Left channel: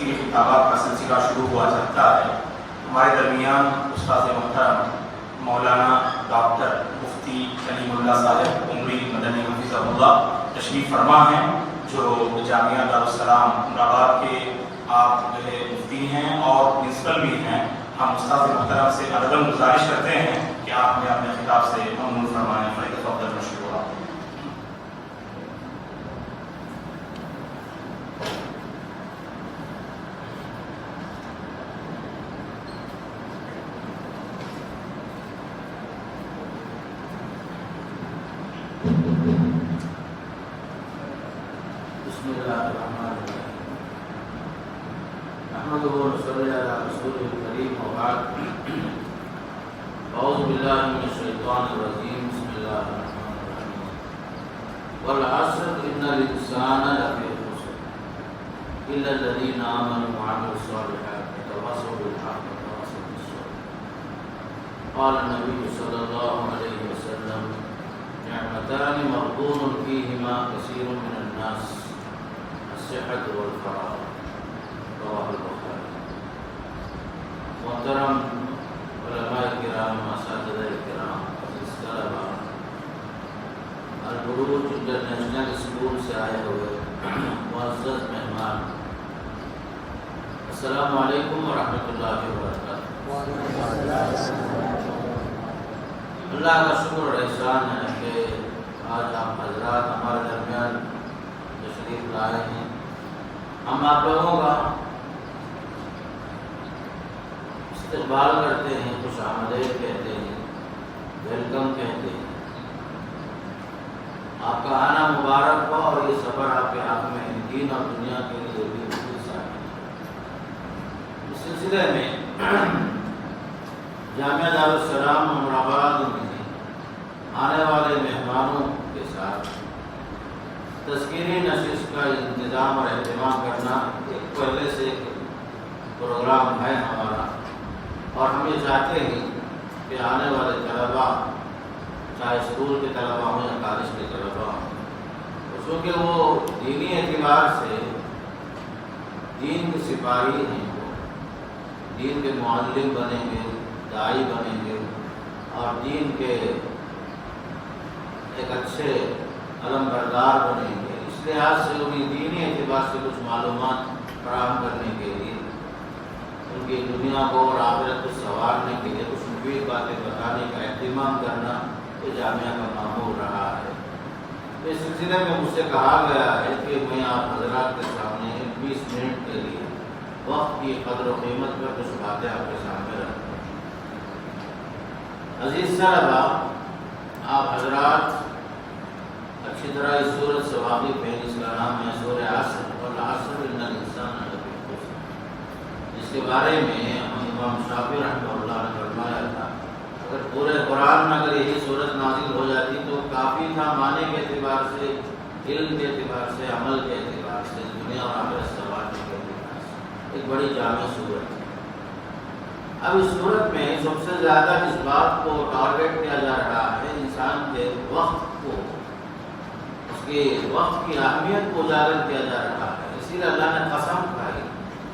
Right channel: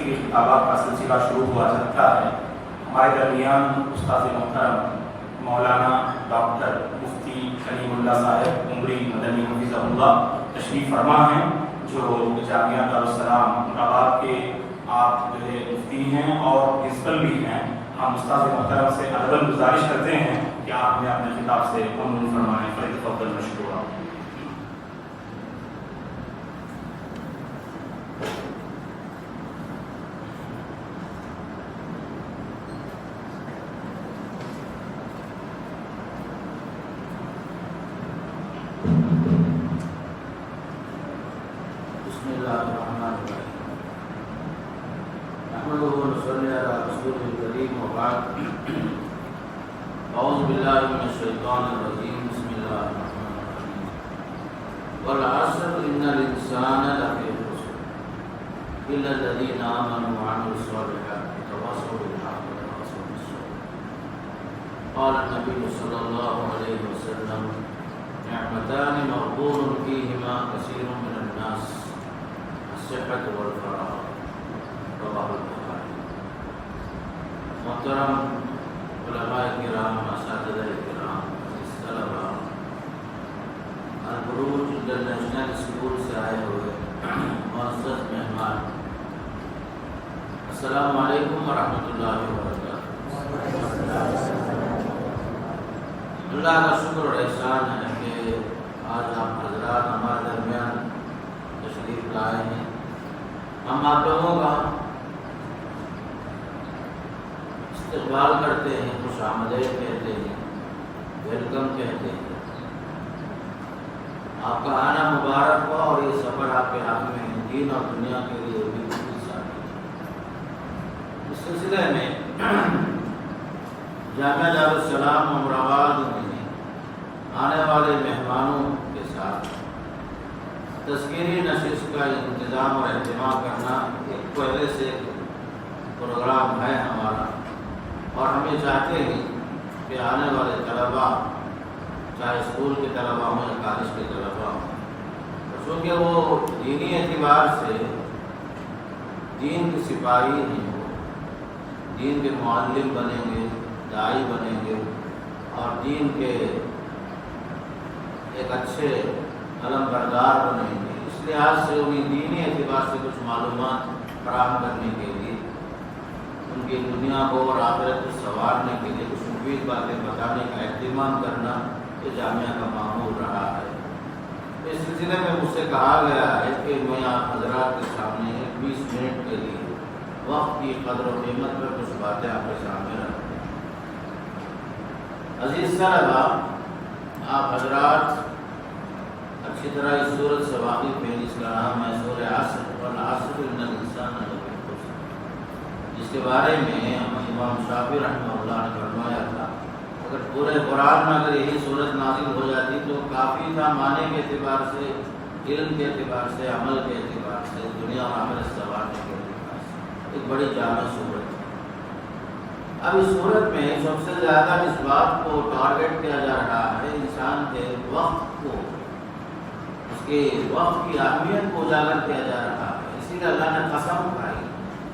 تفسیری خطابات کا سلسلہ شروع ہوا چاہتا ہے۔ ہمارے درمیان استاد محترم مولانا ڈاکٹر مفتی کلیم اللہ صاحب عمری مدنی حفظہ اللہ تشریف فرما ہیں، جو جامعہ دارالسلام مراد کے آپ مفتی ہیں اور پرنسپل بھی ہیں۔ ہم استاد محترم سے عدم گزارش کرتے ہیں کہ آپ نے اپنے خطاب سے منظور فرمانے پر تفضل مشکورا۔ اعوذ باللہ من الشیطان الرجیم، بسم اللہ الرحمن الرحیم۔ والعصر ان الانسان لفی خسر الا الذین آمنوا وعملوا الصالحات وتواصوا بالحق وتواصوا بالصبر۔ قال النبی صلی اللہ علیہ وسلم نعمتان مغبون فیہما کثیر من الناس الصحة والفراغ، رواہ البخاری۔ محترم علماء کرام، اساتذہ کرام، عزیز طلباء، البروج انٹرنیشنل اسکول سے آئے ہوئے معزز مہمان، السلام علیکم ورحمۃ اللہ وبرکاتہ۔ اللہ کا شکر اور احسان ہے کہ آج آپ حضرات ہمارے درمیان تشریف لائے ہیں۔ ہم آپ لوگوں کا استقبال کرتے ہیں، خوش آمدید کہتے ہیں، ویلکم کہتے ہیں۔ آپ کا آنا مبارک ہو اور یہ سفر آپ کے حق میں دین اور دنیا کے لیے بھی اس سلسلے میں جامعہ دارالسلام امراآباد میں آنے والے مہمانوں کے ساتھ تذکیری نشست کا انتظام اور اہتمام کرنا ایک پہلے سے ایک پروگرام ہے ہمارا، اور ہم یہ چاہتے ہیں کہ آنے والے طلباء، چاہے اسکول کے طلباء ہوں یا کالج کے طلباء ہوں، چونکہ وہ دینی اعتبار سے دین کے سپاہی نہیں ہو، دین کے معلم بنیں گے، داعی بنیں گے اور دین کے ایک اچھے علم بردار بنیں گے۔ اس لحاظ سے انہیں دینی اعتبار سے کچھ معلومات فراہم کرنے کے لیے، ان کی دنیا کو اور آخرت کو سنوارنے کے لیے کچھ مفید باتیں بتانے کا اہتمام کرنا یہ جامعہ کا معمول رہا ہے۔ اس سلسلے میں مجھ سے کہا گیا ہے کہ میں آپ حضرات کے سامنے 20 منٹ کے لیے وقت کی قدر و قیمت پر کچھ باتیں آپ کے سامنے رکھوں۔ عزیز طلباء، آپ حضرات اچھی طرح اس سورت سے واقف ہیں، جس کا نام ہے سورہ عصر، والعصر ان الانسان لفی خسر، جس کے بارے میں امام شافعی رحمہ اللہ نے فرمایا تھا اگر پورے قرآن میں اگر یہی سورت نازل ہو جاتی تو کافی تھا، معنی کے اعتبار سے، علم کے اعتبار سے، عمل کے اعتبار سے، دنیا اور آخرت سنوارنے کے اعتبار سے ایک بڑی جامع صورت ہے۔ اب اس صورت میں سب سے زیادہ اس بات کو ٹارگیٹ کیا جا رہا ہے انسان کے وقت کو، اس کے وقت کی اہمیت کو اجاگر کیا جا رہا ہے۔ اسی لیے اللہ نے قسم کھائی،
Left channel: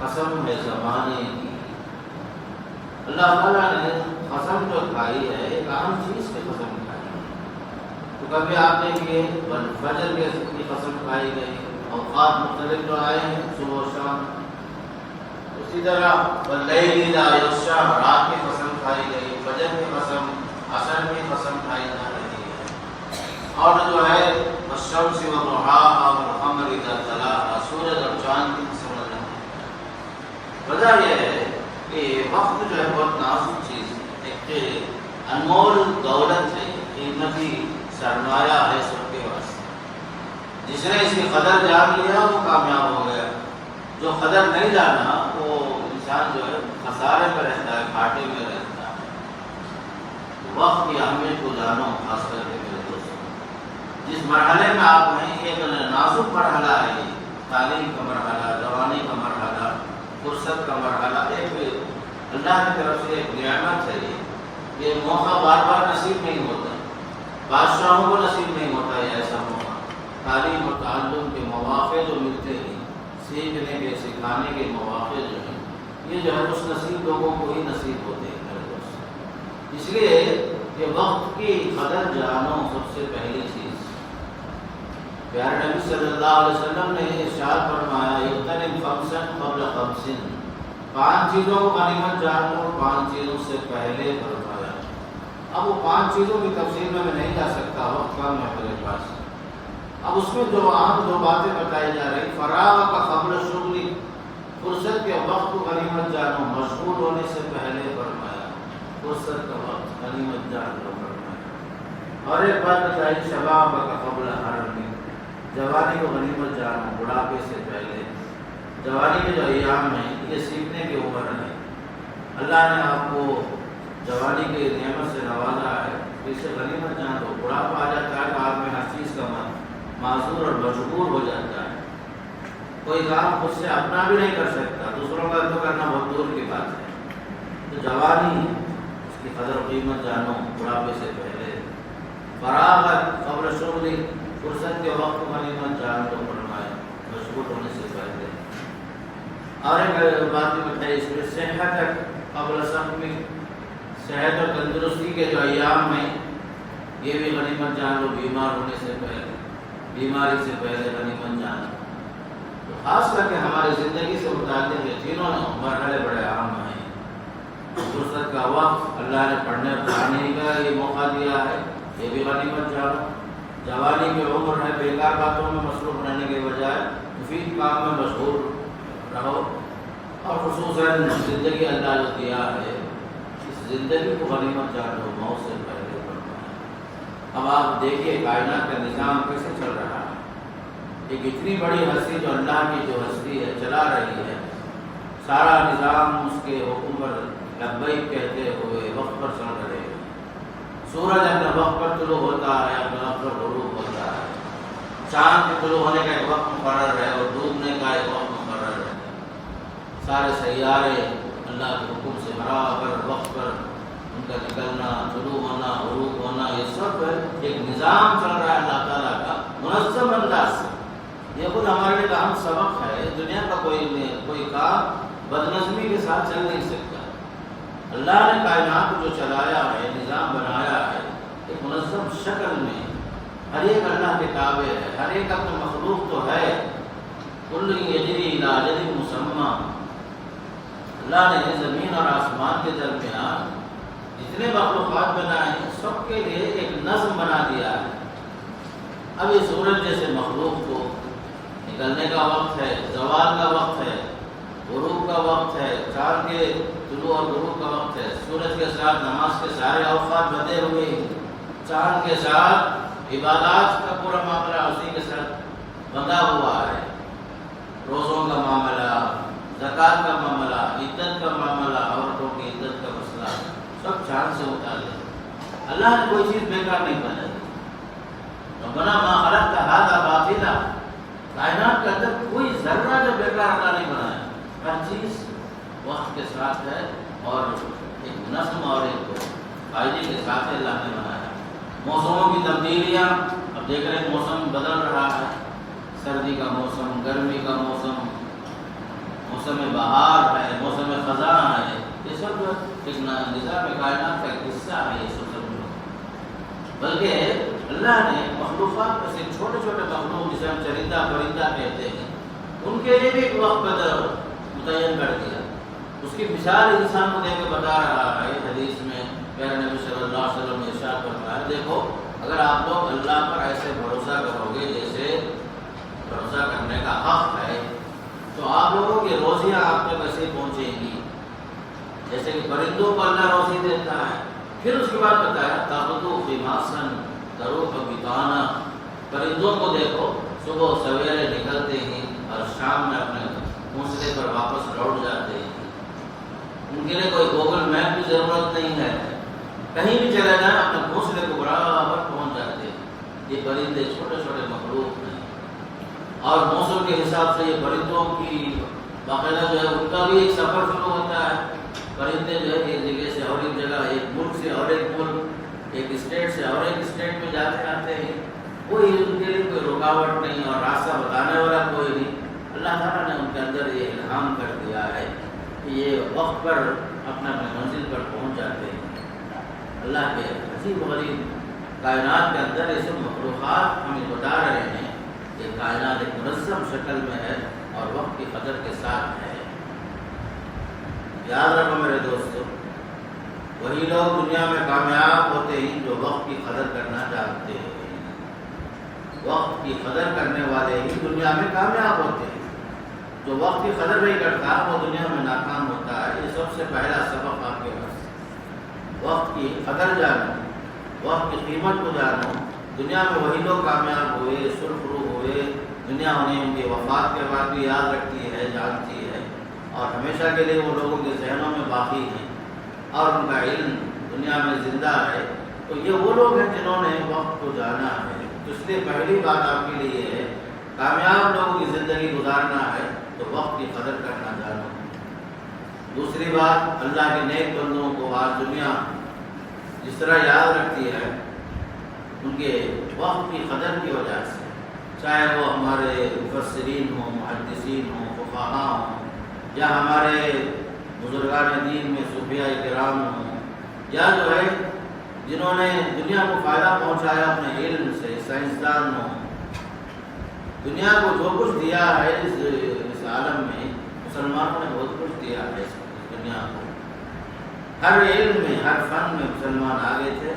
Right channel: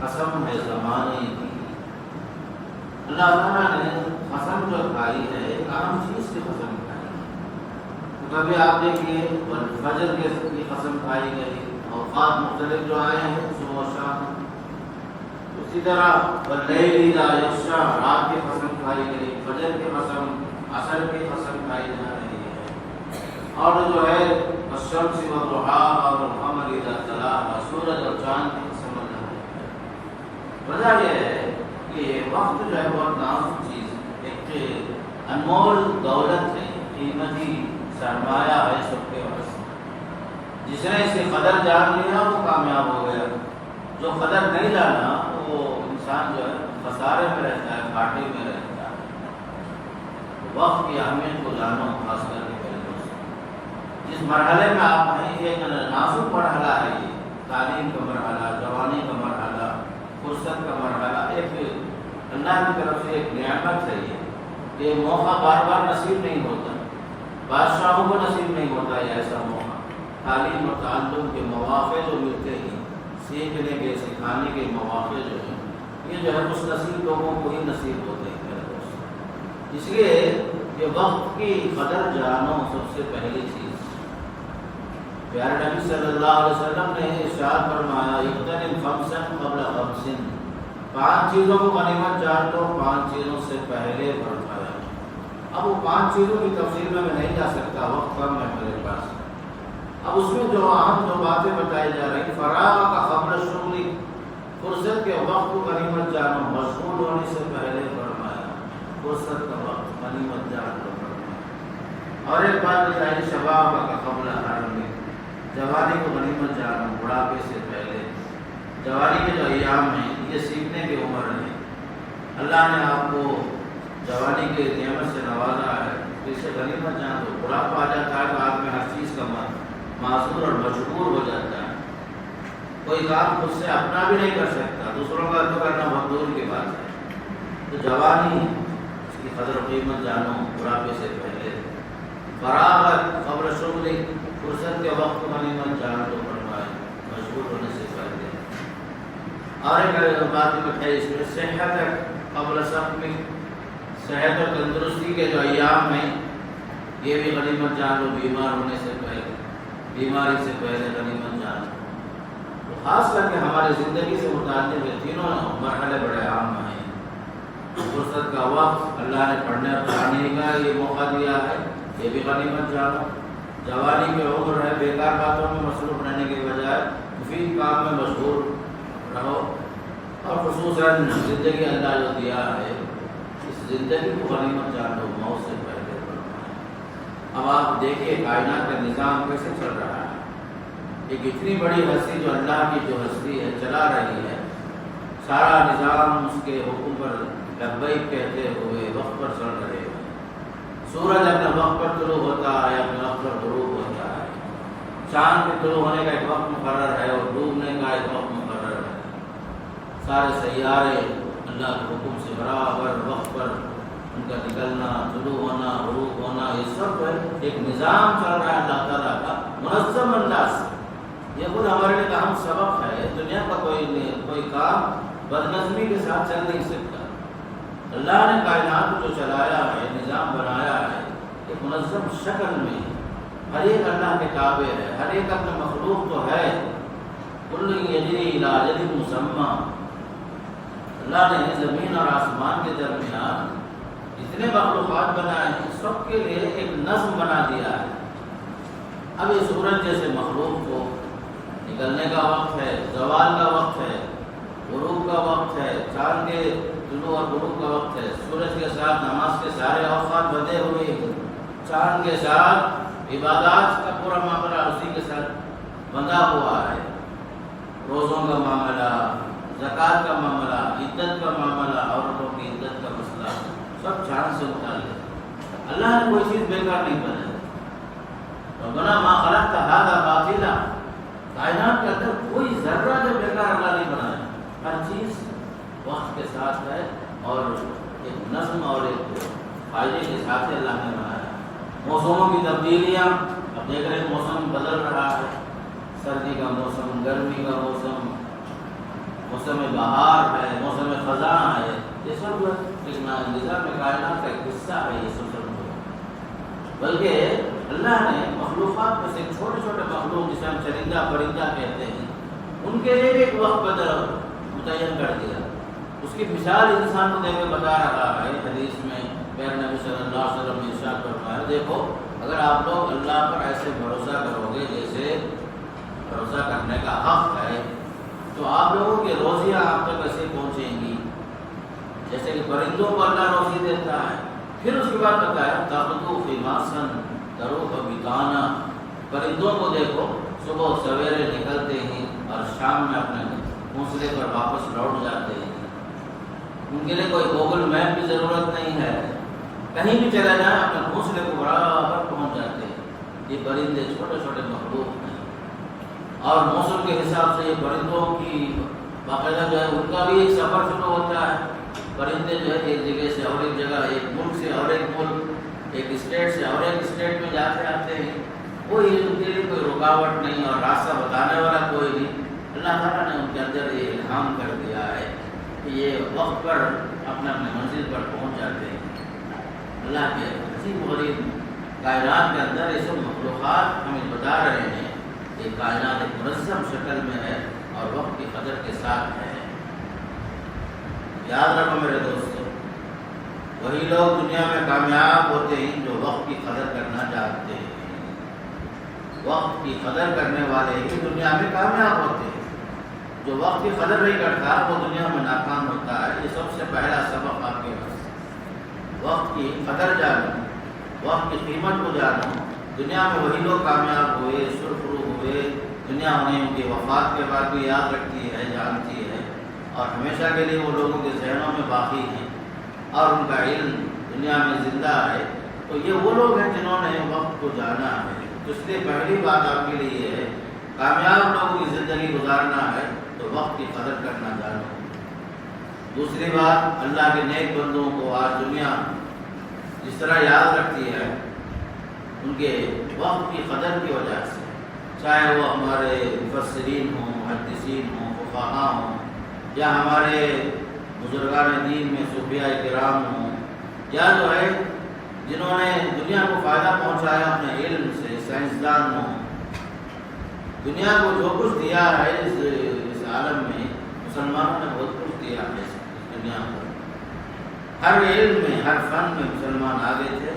قسم ہے زمانے کی۔ اللہ تعالیٰ نے قسم جو کھائی ہے ایک اہم چیز سے قسم کھائی۔ تو کبھی آپ دیکھیے فجر کی قسم کھائی گئی، اوقات مختلف جو آئے ہیں صبح و شام، اسی طرح واللیل اذا یغشی، رات کی قسم کھائی گئی، فجر کی قسم، عصر کی قسم کھائی جا رہی ہے، اور جو ہے والشمس وضحاها والقمر اذا تلاها، سورج اور چاند کی قسم اللہ ہے۔ وجہ یہ ہے کہ وقت جو ہے بہت نازک چیز ہے، ایک انمول دولت ہے، قیمتی سرمایہ ہے سب کے واسطے۔ جس نے اس کی قدر جان لیا وہ کامیاب ہو گیا، جو قدر نہیں جانا وہ انسان جو ہے خسارے میں رہتا ہے، گھاٹے میں رہتا ہے۔ وقت کی اہمیت کو جانا، خاص کر کے میرے دوستوں، جس مرحلے میں آپ ہیں ایک نازک مرحلہ ہے، یہ تعلیم کا مرحلہ، جوانی کا مرحلہ، فرصت کا مرحلہ، ایک اللہ کی طرف سے ایک نعمت ہے یہ موقع بار بار نصیب نہیں ہوتا، بادشاہوں کو نصیب نہیں ہوتا ہے ایسا موقع۔ تعلیم اور تعلم کے مواقع جو ملتے ہیں سیکھنے کے سکھانے کے مواقع جو ہیں یہ جو ہے خوش نصیب لوگوں کو ہی نصیب ہوتے ہیں میرے دوست۔ اس لیے یہ وقت کی قدر جانو سب سے پہلی چیز۔ پیارے نبی صلی اللہ علیہ وسلم نے ارشاد فرمایا اغتنم خمسا قبل خمس، 5 چیزوں کو غنیمت جان لو 5 چیزوں سے پہلے فرمایا۔ اب وہ 5 چیزوں کی تفصیل میں نہیں جا سکتا، وقت کم ہے میرے پاس۔ اب اس میں جو اہم 2 باتیں بتائی جا رہی، فراغ کا قبل شغلی، فرصت کے وقت کو غنیمت جانو، مشغول ہونے سے پہلے فرمایا، فرصت کا وقت غنیمت جان لو فرمایا۔ اور ایک بات بتائی شباب کا قبل حرم، جوانی کو غنیمت جانو بڑھاپے سے پہلے۔ جوانی کے جو ایام ہیں یہ سیکھنے کی عمر ہے، اللہ نے آپ کو جوانی کی نعمت سے نوازا ہے، اسے غنیمت جان دو۔ بڑھاپا آ جاتا ہے تو آپ میں ہر چیز کا معذور اور مجبور ہو جاتا ہے، کوئی کام خود سے اپنا بھی نہیں کر سکتا، دوسروں کا تو کرنا بہت دور کی بات ہے۔ تو جوانی اس کی قدر و قیمت جانو بڑھاپے سے پہلے۔ فراغت قبل شغلی، فرصت کے وقت کو غنیمت جانو تو فرمائے، مشغول ہونے سے پہلے۔ اور ایک بات بتائی اس میں صحت قبل سقم، صحت اور تندرستی کے جو ایام ہیں یہ بھی غنیمت جان لو، بیمار ہونے سے پہلے، بیماری سے پہلے غنیمت جان لو۔ تو خاص کر کے ہمارے زندگی سے متعلق یہ تینوں مرحلے بڑے اہم ہیں۔ فرصت کا وقت، اللہ نے پڑھنے پڑھانے کا یہ موقع دیا ہے، یہ بھی غنیمت جانو۔ جوانی کی عمر ہے، بیکار باتوں میں مصروف رہنے کے بجائے مفید کام میں مشغول رہو، اور خصوصاً زندگی اللہ جو دیا ہے اس زندگی کو غنیمت جانو موت سے پہلے فرمایا۔ اب آپ دیکھیے کائنات کا نظام کیسے چل رہا ہے، ایک اتنی بڑی ہستی جو اللہ کی جو ہستی ہے چلا رہی ہے، سارا نظام اس کے حکم پر لبیک کہتے ہوئے وقت پر چل رہے ہیں۔ سورج اپنے وقت پر طلوع ہوتا ہے، اپنے وقت پر غروب ہوتا ہے، چاند کے طلوع ہونے کا ایک وقت مقرر ہے اور ڈوبنے کا ایک وقت مقرر ہے۔ سارے سیارے اللہ کے حکم سے برابر وقت پر ان کا نکلنا، طلوع ہونا، غروب ہونا، یہ سب ایک نظام چل رہا ہے اللہ تعالیٰ کا منظم انداز سے۔ یہ خود ہمارے لیے اہم سبق ہے، دنیا کا کوئی کام بدنظمی کے ساتھ چل نہیں سکتا۔ اللہ نے کائنات کو جو چلایا ہے، نظام بنایا ہے، ایک منظم شکل میں، ہر ایک اللہ کے تابع ہے، ہر ایک اپنے مخلوق تو ہے، کل یجری الی اجل مسمى۔ اللہ نے زمین اور آسمان کے درمیان جتنے مخلوقات بنائے ہیں سب کے لیے ایک نظم بنا دیا ہے۔ اب یہ سورج جیسے مخلوق کو نکلنے کا وقت ہے، زوال کا وقت ہے، غروب کا وقت ہے، چاند کے طلوع اور غروب کا وقت ہے، سورج کے ساتھ نماز کے سارے اوقات بدے ہوئے ہیں، چاند کے ساتھ عبادات کا پورا معاملہ اسی کے ساتھ بندھا ہوا ہے، روزوں کا معاملہ، زکوٰۃ کا معاملہ، عدت کا معاملہ، عورتوں کی عدت کا مسئلہ، سب چاند سے متعلق۔ اللہ نے کوئی چیز بیکار نہیں بنائی، ربنا ما خلقت هذا باطلا، کائنات کے اندر کوئی ذرہ جو بیکار اللہ نہیں بنایا، ہر چیز وقت کے ساتھ ہے اور ایک نظم اور ایک فائدے کے ساتھ اللہ نے بنایا۔ موسموں کی تبدیلیاں، اب دیکھ رہے ہیں موسم بدل رہا ہے، سردی کا موسم، گرمی کا موسم، موسم بہار ہے، موسم خزاں ہے، یہ سب جو ایک نظام کائنات کا ایک حصہ ہے، یہ سب بلکہ اللہ نے مخلوقات میں سے چھوٹے چھوٹے مخلوق جسے ہم چرندہ پرندہ کہتے ہیں ان کے لیے بھی ایک وقت قدر متعین کر دیا۔ اس کی مثال انسان کو دے کے بتا رہا ہے حدیث میں پیارے نبی صلی اللہ علیہ وسلم نے ارشاد فرمایا، دیکھو اگر آپ لوگ اللہ پر ایسے بھروسہ کرو گے جیسے بھروسہ کرنے کا حق ہے، تو آپ لوگوں کی روزیاں آپ تک ایسے پہنچیں گی جیسے کہ پرندوں کو اللہ روزی دیتا ہے۔ پھر اس کے بعد بتایا تغدو خماسن تروح بطانا، پرندوں کو دیکھو صبح سویرے نکلتے ہیں اور شام میں اپنے گھونسلے پر واپس لوٹ جاتے ہیں، ان کے لیے کوئی گوگل میپ کی ضرورت نہیں ہے، کہیں بھی چلا جائیں اپنے گھونسلے کو برابر پہنچ جاتے ہیں۔ یہ پرندے چھوٹے چھوٹے مخلوق ہیں اور موسم کے حساب سے یہ پرندوں کی باقاعدہ جو ہے ان کا بھی ایک سفر شروع ہوتا ہے۔ پرندے جو ہے ایک جگہ سے اور ایک جگہ، ایک ملک سے اور ایک ملک، ایک اسٹیٹ سے اور ایک اسٹیٹ میں جاتے آتے ہیں، کوئی ان کے لیے کوئی رکاوٹ نہیں اور راستہ بتانے والا کوئی نہیں۔ اللہ تعالیٰ نے کے اندر یہ الہام کر دیا ہے کہ یہ وقت پر اپنا منزل پر پہنچ جاتے ہیں۔ اللہ کے عظیم غریب کائنات کے اندر یہ سب مخلوقات ہمیں بتا رہے ہیں کہ کائنات ایک منظم شکل میں ہے اور وقت کی قدر کے ساتھ ہے۔ یاد رکھو میرے دوستو، وہی لوگ دنیا میں کامیاب ہوتے ہیں جو وقت کی قدر کرنا جانتے ہیں۔ وقت کی قدر کرنے والے ہی دنیا میں کامیاب ہوتے ہیں۔ جو وقت کی قدر نہیں کرتا وہ دنیا میں ناکام ہوتا ہے۔ یہ سب سے پہلا سبق آپ کے پاس، وقت کی قدر جانو، وقت کی قیمت کو جانو۔ دنیا میں وہی لوگ کامیاب ہوئے، سرخرو ہوئے، دنیا انہیں ان کی وفات کے بعد بھی یاد رکھتی ہے، جانتی ہے، اور ہمیشہ کے لیے وہ لوگوں کے ذہنوں میں باقی ہیں اور ان کا علم دنیا میں زندہ ہے۔ تو یہ وہ لوگ ہیں جنہوں نے وقت کو جانا ہے۔ تو اس لیے پہلی بات آپ کے لیے ہے، کامیاب لوگوں کی زندگی گزارنا ہے تو وقت کی قدر کرنا جانو۔ دوسری بات، اللہ کے نیک بندوں کو آج دنیا جس طرح یاد رکھتی ہے ان کے وقت کی قدر کی وجہ سے، چاہے وہ ہمارے مفسرین ہوں، محدثین ہوں، فقہاء ہوں، یا ہمارے بزرگان دین میں صوفیاء کرام ہوں، یا جو ہے جنہوں نے دنیا کو فائدہ پہنچایا اپنے علم سے، سائنسدان ہوں۔ دنیا کو جو کچھ دیا ہے اس عالم میں، مسلمانوں نے بہت کچھ دیا ہے اس دنیا کو۔ ہر علم میں، ہر فن میں مسلمان آگے تھے،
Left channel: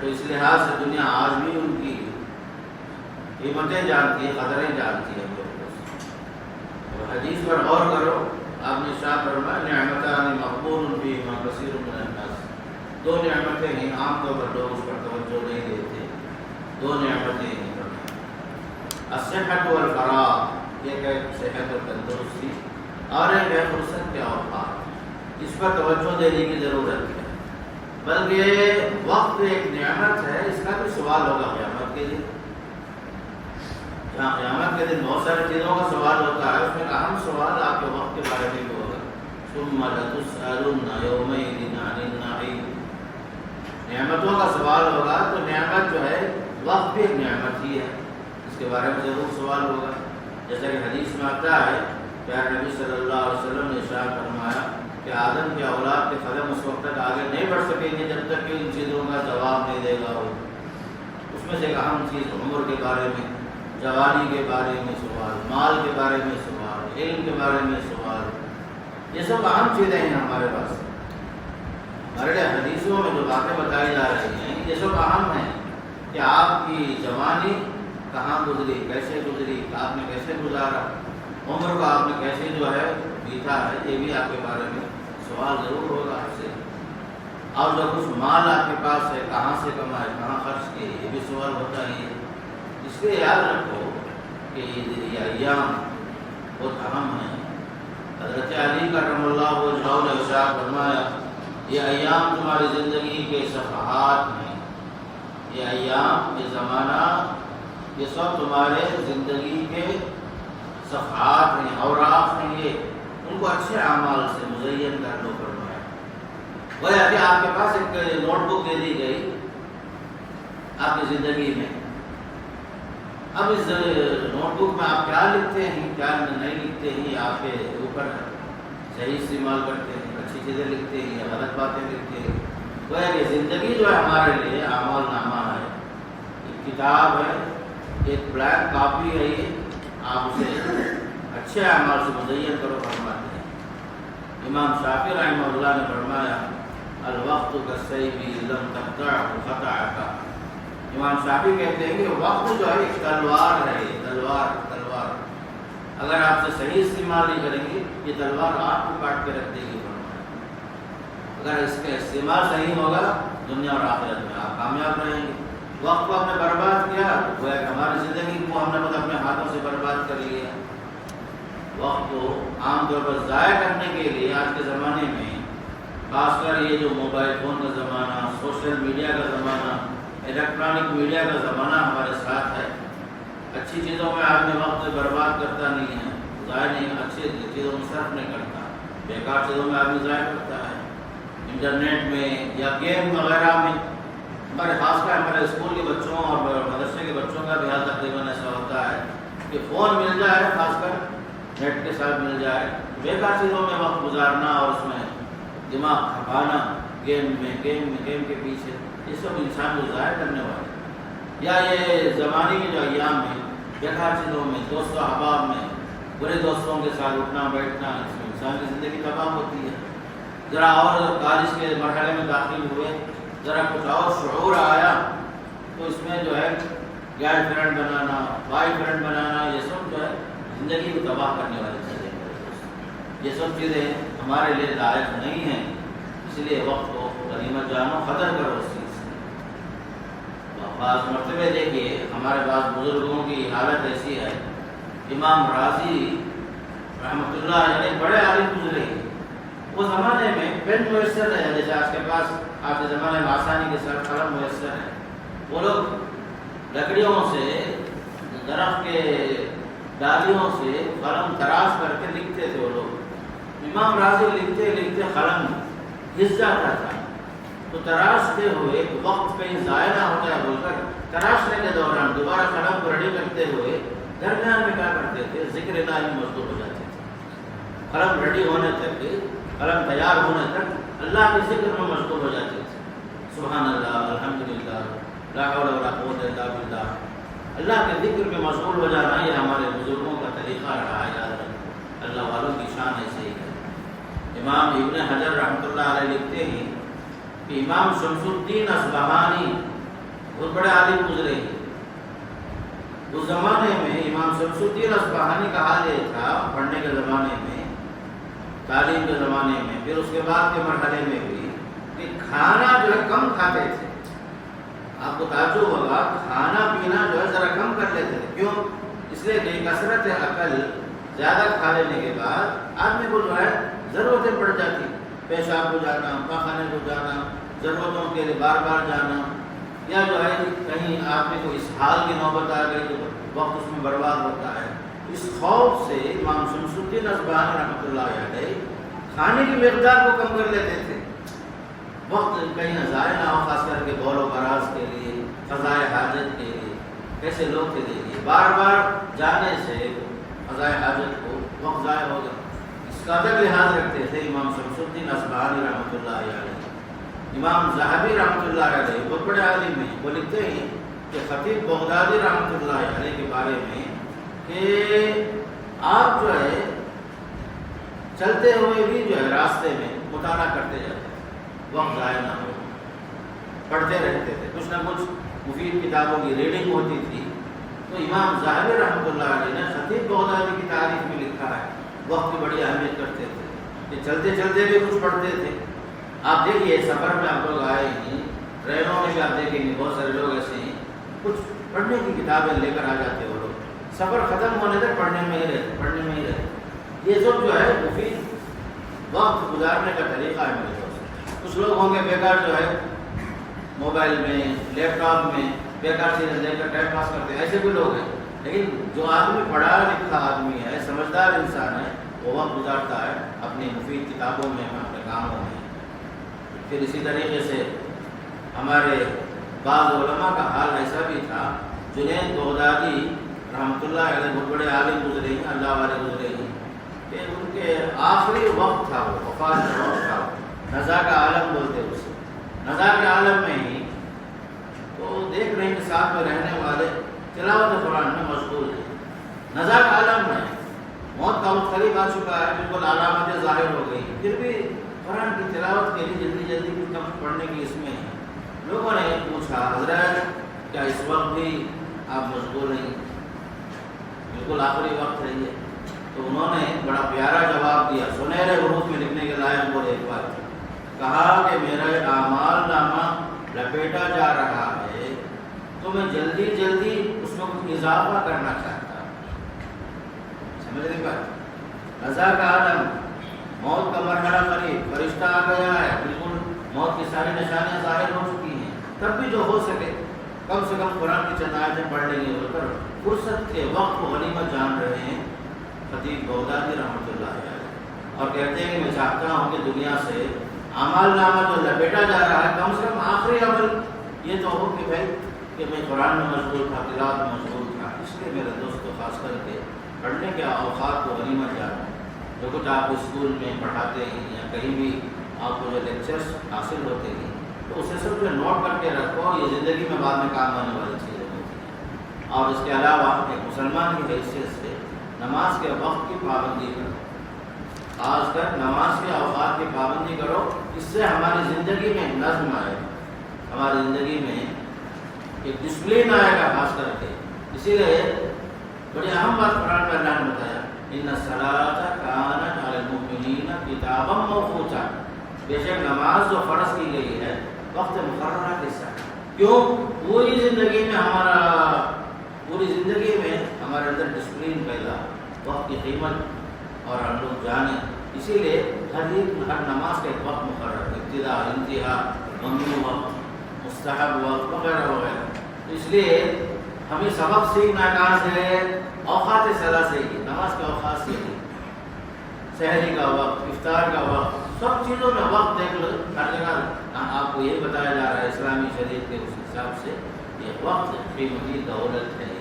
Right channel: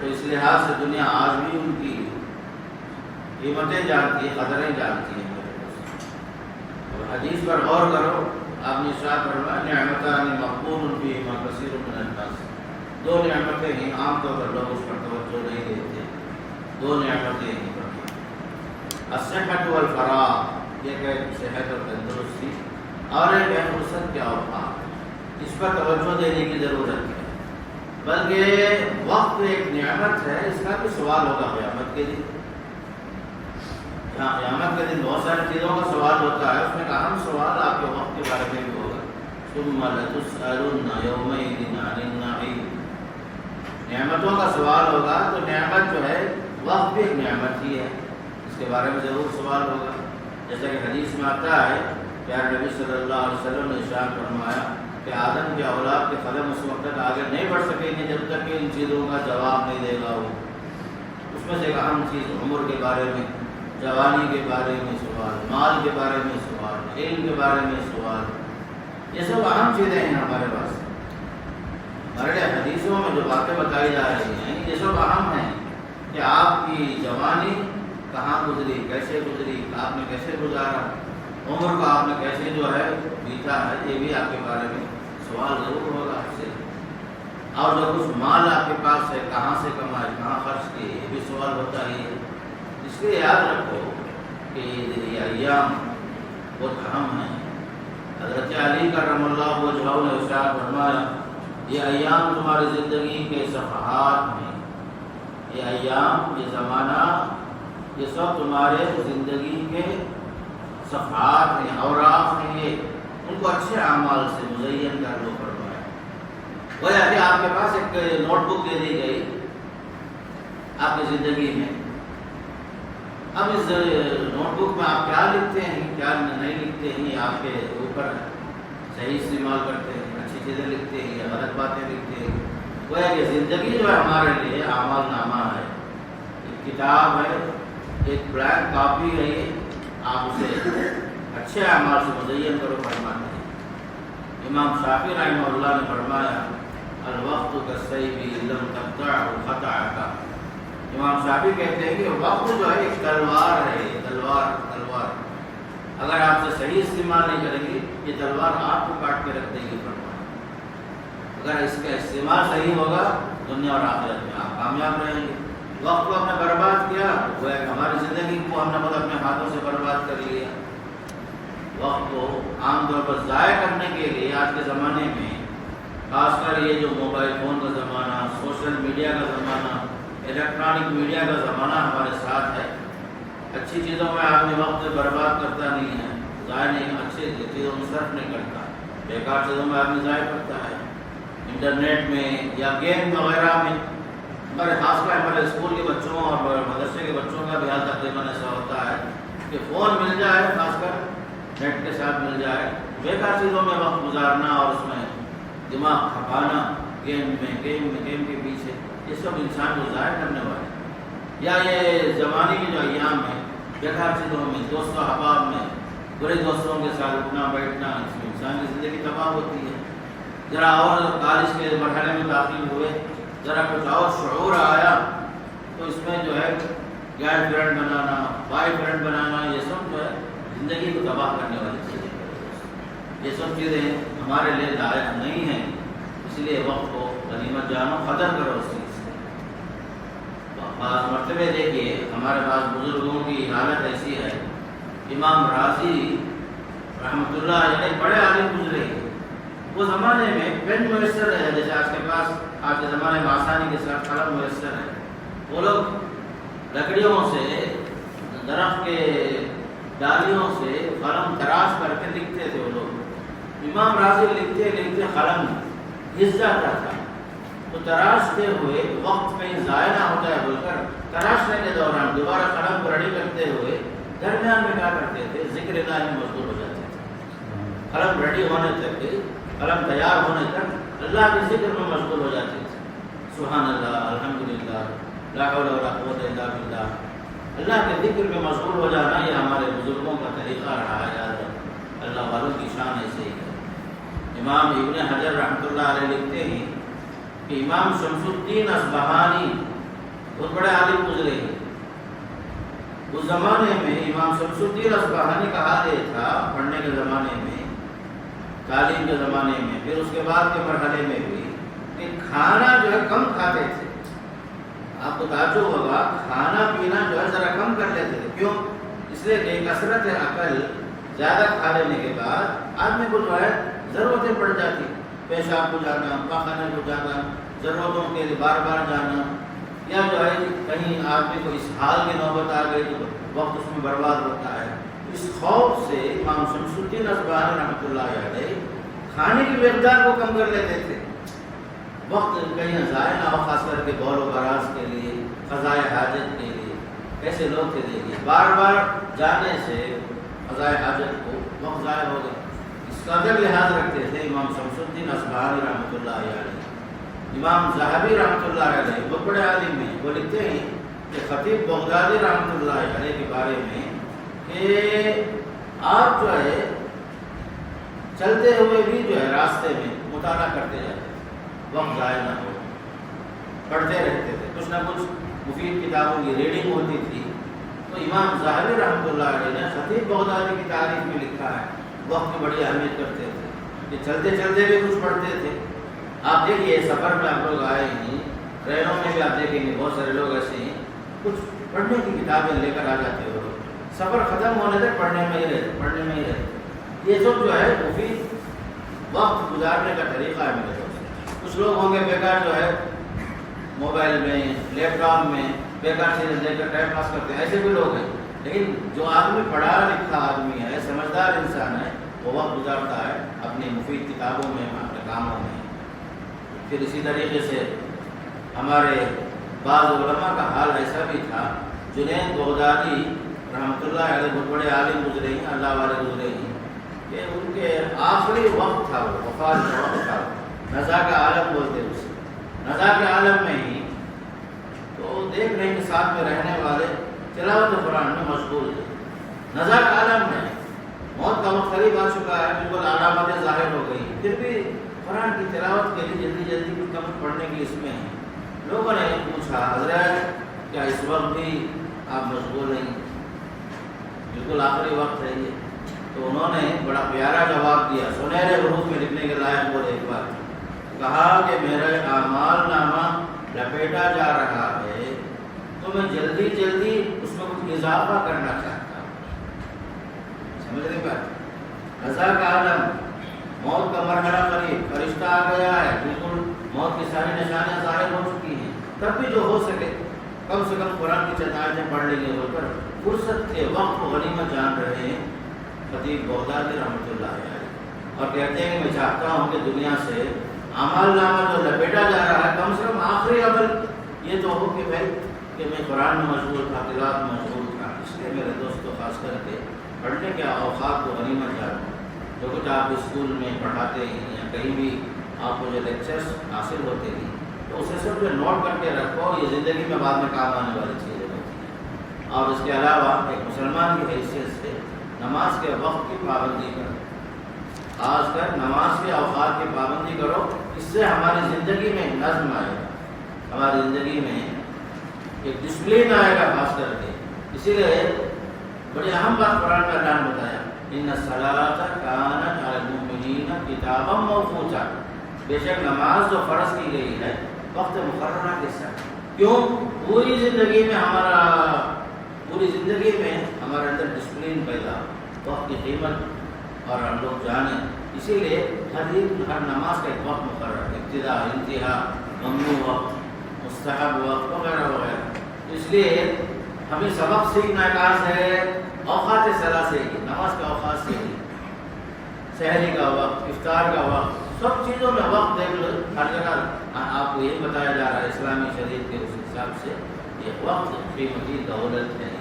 تو اس لحاظ سے دنیا آج بھی ان کی قیمتیں جانتی ہے، قدریں جانتی ہے۔ حدیث پر غور کرو، آپ نے ارشاد فرمایا نعمتان مغبون فیہما کثیر من الناس۔ دو نعمتیں ہیں، عام طور پر لوگ اس پر توجہ نہیں دیتے۔ دو نعمتیں ہیں، الصحت والفراغ، ایک ہے صحت اور تندرستی، اور ایک ہے فرصت کے اوقات۔ اس پر توجہ دینے کی ضرورت ہے، بلکہ وقت ایک نعمت ہے، اس کا بھی سوال ہوگا قیامت کے دن۔ قیامت کے دن بہت ساری چیزوں کا سوال ہوتا ہے، اس میں ایک اہم سوال آپ کے وقت کے بارے میں بھی ہوگا۔ ثم لتسألن یومئذ عن النعیم، نعمتوں کا سوال ہوگا، تو نعمت جو ہے وقت بھی ایک نعمت ہی ہے، اس کے بارے میں ضرور سوال ہوگا۔ جیسا کہ حدیث میں آتا ہے، پیارے نبی صلی اللہ علیہ وسلم نے ارشاد فرمایا کہ آدم کی اولاد کے قدم اس وقت تک آگے نہیں بڑھ سکیں گے جب تک کہ ان چیزوں کا جواب نہیں دے گا وہ۔ اس میں سے ایک اہم چیز عمر کے بارے میں، جوانی کے بارے میں سوال، مال کے بارے میں سوال، علم کے بارے میں سوال، یہ سب اہم چیزیں ہیں ہمارے پاس۔ ہمارے حدیثوں میں جو باتیں بتائی جا رہی ہیں یہ سب اہم ہیں کہ آپ کی جوانی کہاں گزری، کیسے گزری، آپ نے کیسے گزارا، عمر کو آپ نے کیسے جو ہے بیتا ہے، یہ بھی آپ کے بارے میں سوال ضرور ہوگا آپ سے۔ اور جو کچھ مال آپ کے پاس ہے، کہاں سے کمائے، کہاں خرچ کیے، یہ بھی سوال ہوتا ہی ہے۔ اس لیے یاد رکھو کہ یہ ایام بہت اہم ہیں۔ حضرت علی کرم اللہ وجہہ نے ارشاد فرمایا، یہ ایام تمہاری زندگی کے صفحات ہیں، یہ ایام، یہ زمانہ، یہ سب تمہارے زندگی کے صفحات ہیں، اوراق ہیں، یہ ان کو اچھے اعمال سے مزین کر لو فرمایا۔ گویا کہ آپ کے پاس ایک نوٹ بک دے دی گئی آپ کی زندگی میں، اب اس نوٹ بک میں آپ کیا لکھتے ہیں، کیا نہیں لکھتے ہیں، یہ آپ کے اوپر ہے۔ صحیح استعمال کرتے ہیں، اچھی چیزیں لکھتے ہیں یا غلط باتیں لکھتے ہیں۔ گویا کہ زندگی جو ہے ہمارے لیے اعمال نامہ ہے، ایک کتاب ہے، ایک بلینک کاپی ہے، یہ آپ اسے اچھے اعمال سے مزین کرو فرماتے ہیں۔ امام شافعی رحمہ اللہ نے فرمایا، الوقت کالسیف لم تقطعه قطعک۔ امام شافعی کہتے ہیں کہ وقت جو ہے ایک تلوار ہے، تلوار اگر آپ سے صحیح استعمال نہیں کریں گے یہ تلوار آپ کو کاٹ کے رکھ دے گی۔ اگر اس کا استعمال صحیح ہوگا دنیا اور آخرت میں آپ کامیاب رہیں گے۔ وقت کو آپ نے برباد کیا تو گویا کہ ہماری زندگی کو ہم نے خود اپنے ہاتھوں سے برباد کر لیا۔ وقت کو عام طور پر ضائع کرنے کے لیے آج کے زمانے میں، خاص کر یہ جو موبائل فون کا زمانہ، سوشل میڈیا کا زمانہ، الیکٹرانک میڈیا کا زمانہ ہمارے ساتھ ہے، اچھی چیزوں میں آدمی وقت برباد کرتا نہیں ہے، ضائع نہیں، اچھی چیزوں میں صرف نہیں کرتا، بیکار چیزوں میں آدمی ضائع کرتا ہے، انٹرنیٹ میں یا گیم وغیرہ میں۔ ہمارے خاص کر ہمارے اسکول کے بچوں اور مدرسے کے بچوں کا بھی حال تقریباً ایسا ہوتا ہے کہ فون مل جائے، خاص کر نیٹ کے ساتھ مل جائے، بیکار چیزوں میں وقت گزارنا اور اس میں دماغ کھپانا، گیم کے پیچھے، یہ سب انسان کو ضائع کرنے والے، یا یہ زمانے کے جو ایام میں بیکار چیزوں میں، دوست و احباب میں برے دوستوں کے ساتھ اٹھنا بیٹھنا، اس میں انسان کی زندگی تباہ ہوتی ہے۔ ذرا اور کالج کے مرحلے میں داخل ہوئے، ذرا کچھ اور شعور آیا تو اس میں جو ہے گرل فرینڈ بنانا، بوائے فرینڈ بنانا، یہ سب جو ہے زندگی کو تباہ کرنے والی چیزیں ہیں۔ یہ سب چیزیں ہمارے لیے لائق نہیں ہیں، اس لیے وقت کو غنیمت جانو، قدر کرو اس چیز سے۔ بعض مرتبہ دیکھیے ہمارے پاس بزرگوں کی حالت ایسی ہے، امام راضی رحمۃ اللہ علیہ بڑے عالم گزرے، وہ زمانے میں پین میسر ہے، جیسے آج کے پاس آج کے زمانے میں آسانی کے ساتھ قلم میسر ہے، وہ لوگ لکڑیوں سے، درخت کے ڈالیوں سے قلم تراش کر کے لکھتے تھے وہ لوگ۔ امام راضی لکھتے لکھتے قلم گھس جاتا تھا، تو تراشتے ہوئے وقت کہیں ضائع نہ ہوتا ہے بول کر تراشنے کے دوران دوبارہ قلم کو ریڈی کرتے ہوئے درمیان میں کیا کرتے تھے، ذکر الہی میں مشغول ہو جاتے تھے۔ قلم ریڈی ہونے تک، قلم تیار ہونے تک اللہ کے ذکر میں مشغول ہو جاتے تھے۔ سبحان اللہ، الحمدللہ، لا حول ولا قوت الا باللہ۔ اللہ کے ذکر میں مشغول ہو جانا یہ ہمارے بزرگوں کا طریقہ رہا ہے، یاد رکھیں، اللہ والوں کی شان ایسے ہی ہے۔ امام ابن حجر رحمۃ اللہ علیہ لکھتے ہیں کہ امام شمس الدین اصبہانی بہت بڑے عالم گزرے ہیں۔ اس زمانے میں امام شمس الدین اصبہانی کا حال یہ تھا، پڑھنے کے زمانے میں، تعلیم کے زمانے میں، پھر اس کے بعد کے مرحلے میں بھی، کہ کھانا جو ہے کم کھاتے تھے۔ آپ کو تعجب ہوگا، کھانا پینا جو ہے ذرا کم کر لیتے تھے۔ کیوں؟ اس لیے کہ کثرت عقل، زیادہ کھا لینے کے بعد آدمی کو جو ہے ضرورتیں پڑ جاتی، پیشاب کو جانا، پاخانے کو جانا، ضرورتوں کے لیے بار بار جانا، یا جو ہے کہیں آدمی کو اس حال کی نوبت آ گئی تو وقت اس میں برباد ہوتا ہے۔ اس خوف سے امام شمس الدین اصبہانی رحمۃ اللہ علیہ کھانے کی مقدار کو کم کر لیتے تھے، وقت کہیں ضائع نہ ہو، خاص کر کے دور و براز کے لیے، قضاء حاجت کے لیے۔ ایسے لوگ تھے دیکھیے، بار بار جانے سے قضاء حاجت کو وقت ضائع ہوگا، اس کا بھی لحاظ رکھتے تھے امام شمس الدین اصبہانی رحمۃ اللہ علیہ۔ امام ذہبی رحمۃ اللہ علیہ بہت بڑے عالم ہیں، وہ لکھتے ہیں کہ خطیب بغدادی رحمۃ اللہ علیہ کے بارے میں کہ آپ جو ہے چلتے ہوئے بھی جو ہے راستے میں مطالعہ کرتے جاتے تھے، وقت ضائع نہ ہو، پڑھتے رہتے تھے، کچھ نہ کچھ مفید کتابوں کی ریڈنگ ہوتی تھی۔ تو امام ذہبی رحمۃ اللہ علیہ نے خطیب بغدادی کی تاریخ میں لکھا ہے، وقت کی بڑی اہمیت کرتے تھے کہ چلتے چلتے بھی کچھ پڑھتے تھے۔ آپ دیکھیے سفر میں آپ لوگ آئے ہیں، ٹرینوں میں بھی آپ دیکھیں گے بہت سارے لوگ ایسے ہیں، کچھ پڑھنے کی کتابیں لے کر آ جاتے ہو، سفر ختم ہونے تک پڑھنے میں ہی رہتے۔ یہ سب جو ہے مفید وقت گزارنے کا طریقہ ہے میرے دوست۔ کچھ لوگ ہوں گے بیکار جو ہے موبائل میں، لیپ ٹاپ میں بیکار چیزیں لے کر ٹائم پاس کرتے ہیں، ایسے بھی لوگ ہیں۔ لیکن جو آدمی پڑھا لکھا آدمی ہے، سمجھدار انسان ہے، وہ وقت گزارتا ہے اپنی مفید کتابوں میں، اپنے کاموں میں۔ پھر اسی طریقے سے ہمارے بعض علماء کا حال ایسا بھی تھا، جنید بغدادی رحمۃ اللہ علیہ بہت بڑے عالم گزرے ہیں، اللہ والے گزرے ہیں، کہ ان کے آخری وقت تھا، وہ وفات کا وقت تھا، نزا کا عالم بولتے اسے، نزا کے عالم میں ہی تو دیکھ رہے ہیں کہ ساتھ میں رہنے والے تلاوت قرآن میں مشغول ہے۔ نزا کا عالم میں موت کا وقت قریب آ چکا ہے، بالکل علامتیں ظاہر ہو گئی، پھر بھی قرآن کی تلاوت کے لیے جلدی جلدی کچھ کم پڑھنے کی اس میں ہے۔ لوگوں نے پوچھا، حضرت کیا اس وقت بھی آپ مشغول ہیں؟ بالکل آخری وقت ہے یہ۔ تو انہوں نے بڑا پیارا جواب دیا، سنہرے حروف میں لکھنے کے لائق بولے ایک بار، کہا کہ میرا اعمال نامہ لپیٹا جا رہا ہے تو میں جلدی جلدی اس میں کچھ اضافہ کرنا چاہتا ہوں۔ سمجھ رہے بات؟ رضا کا عالم، موت کا مرحلہ قریب، فرشتہ آ گیا ہے، بالکل موت کی ساری نشانیاں ظاہر ہو چکی ہیں، تب بھی جو ہو سکے کم سے کم قرآن کی چند آیتیں پڑھ لیں گے، ہو کر فرصت کے وقت کو غنیمت جان رہے ہیں خطیب بغدادی رحمۃ اللہ علیہ، اور کہتے ہیں کہ میں چاہتا ہوں کہ دنیا سے اعمال نامہ جو لپیٹا جا رہا ہے، کم سے کم آخری عمل یہ تو ہو کہ بھائی کہ میں قرآن میں مشغول تھا، تلاوت میں مشغول تھا۔ اس لیے میرے دوستوں خاص کر کے پڑھنے کے اوقات کو غنیمت جانو. جو کچھ آپ اسکول میں پڑھاتے ہیں یا کہیں بھی آپ کو جو لیکچرز حاصل ہوتے ہیں تو اسے سب جو نوٹ کر کے رکھو. یہ زندگی میں بعد میں کام آنے والی چیزیں ہوتی ہیں. اور اس کے علاوہ ایک مسلمان کی حیثیت سے نماز کے وقت کی پابندی کرو. خاص کر نماز کے اوقات کی پابندی کرو. اس سے ہماری زندگی میں نظم آئے گا, ہماری زندگی میں ایک ڈسپلن آئے گا. خاص کر کے اسی لیے بڑی اہم بات قرآن میں اللہ نے بتایا, ان الصلاۃ کانت علی المؤمنین کتابا موقوتا. بے شک نماز جو فرض کی گئی ہے وقت مقررہ کے ساتھ. کیوں؟ پوری زندگی میں ہمارے اندر ڈسپلن پیدا, وقت کی قیمت اور ہم لوگ جانیں. اسی لیے ہر نماز کا ایک وقت مقرر ہے, ابتدا, انتہا, ممنوع وقت, مستحب وقت وغیرہ وغیرہ. اس لیے ہمیں سبق سیکھنا کہاں سے ہے؟ اوقات صلاح سے ہی, نماز کے اوقات سے ہی. سحری کا وقت, افطار کا وقت, سب چیزوں میں وقت دیکھ لو. ہر جگہ آپ کو یہ بتایا جا رہا ہے اسلامی شریعت کے اس حساب سے یہ وقت قیمتی دولت ہے.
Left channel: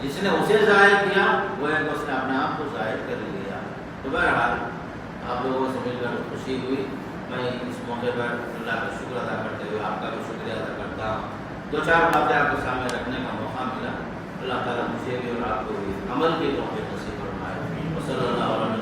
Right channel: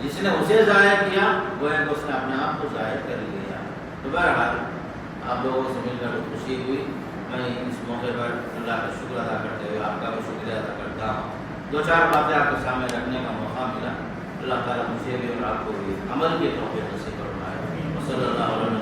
جس نے اسے ضائع کیا وہ ہے کہ اس نے اپنے آپ کو ضائع کر لیا. تو بہرحال آپ لوگوں سے مل کر خوشی ہوئی. میں اس موقع پر اللہ کا شکر ادا کرتے ہوئے آپ کا بھی شکریہ ادا کرتا ہوں. دو چار باتیں آپ کے سامنے رکھنے کا موقع ملا. اللہ تعالیٰ مجھے بھی اور آپ کو بھی عمل کے موقع نصیب فرمائے. صلی اللہ علیہ وسلم.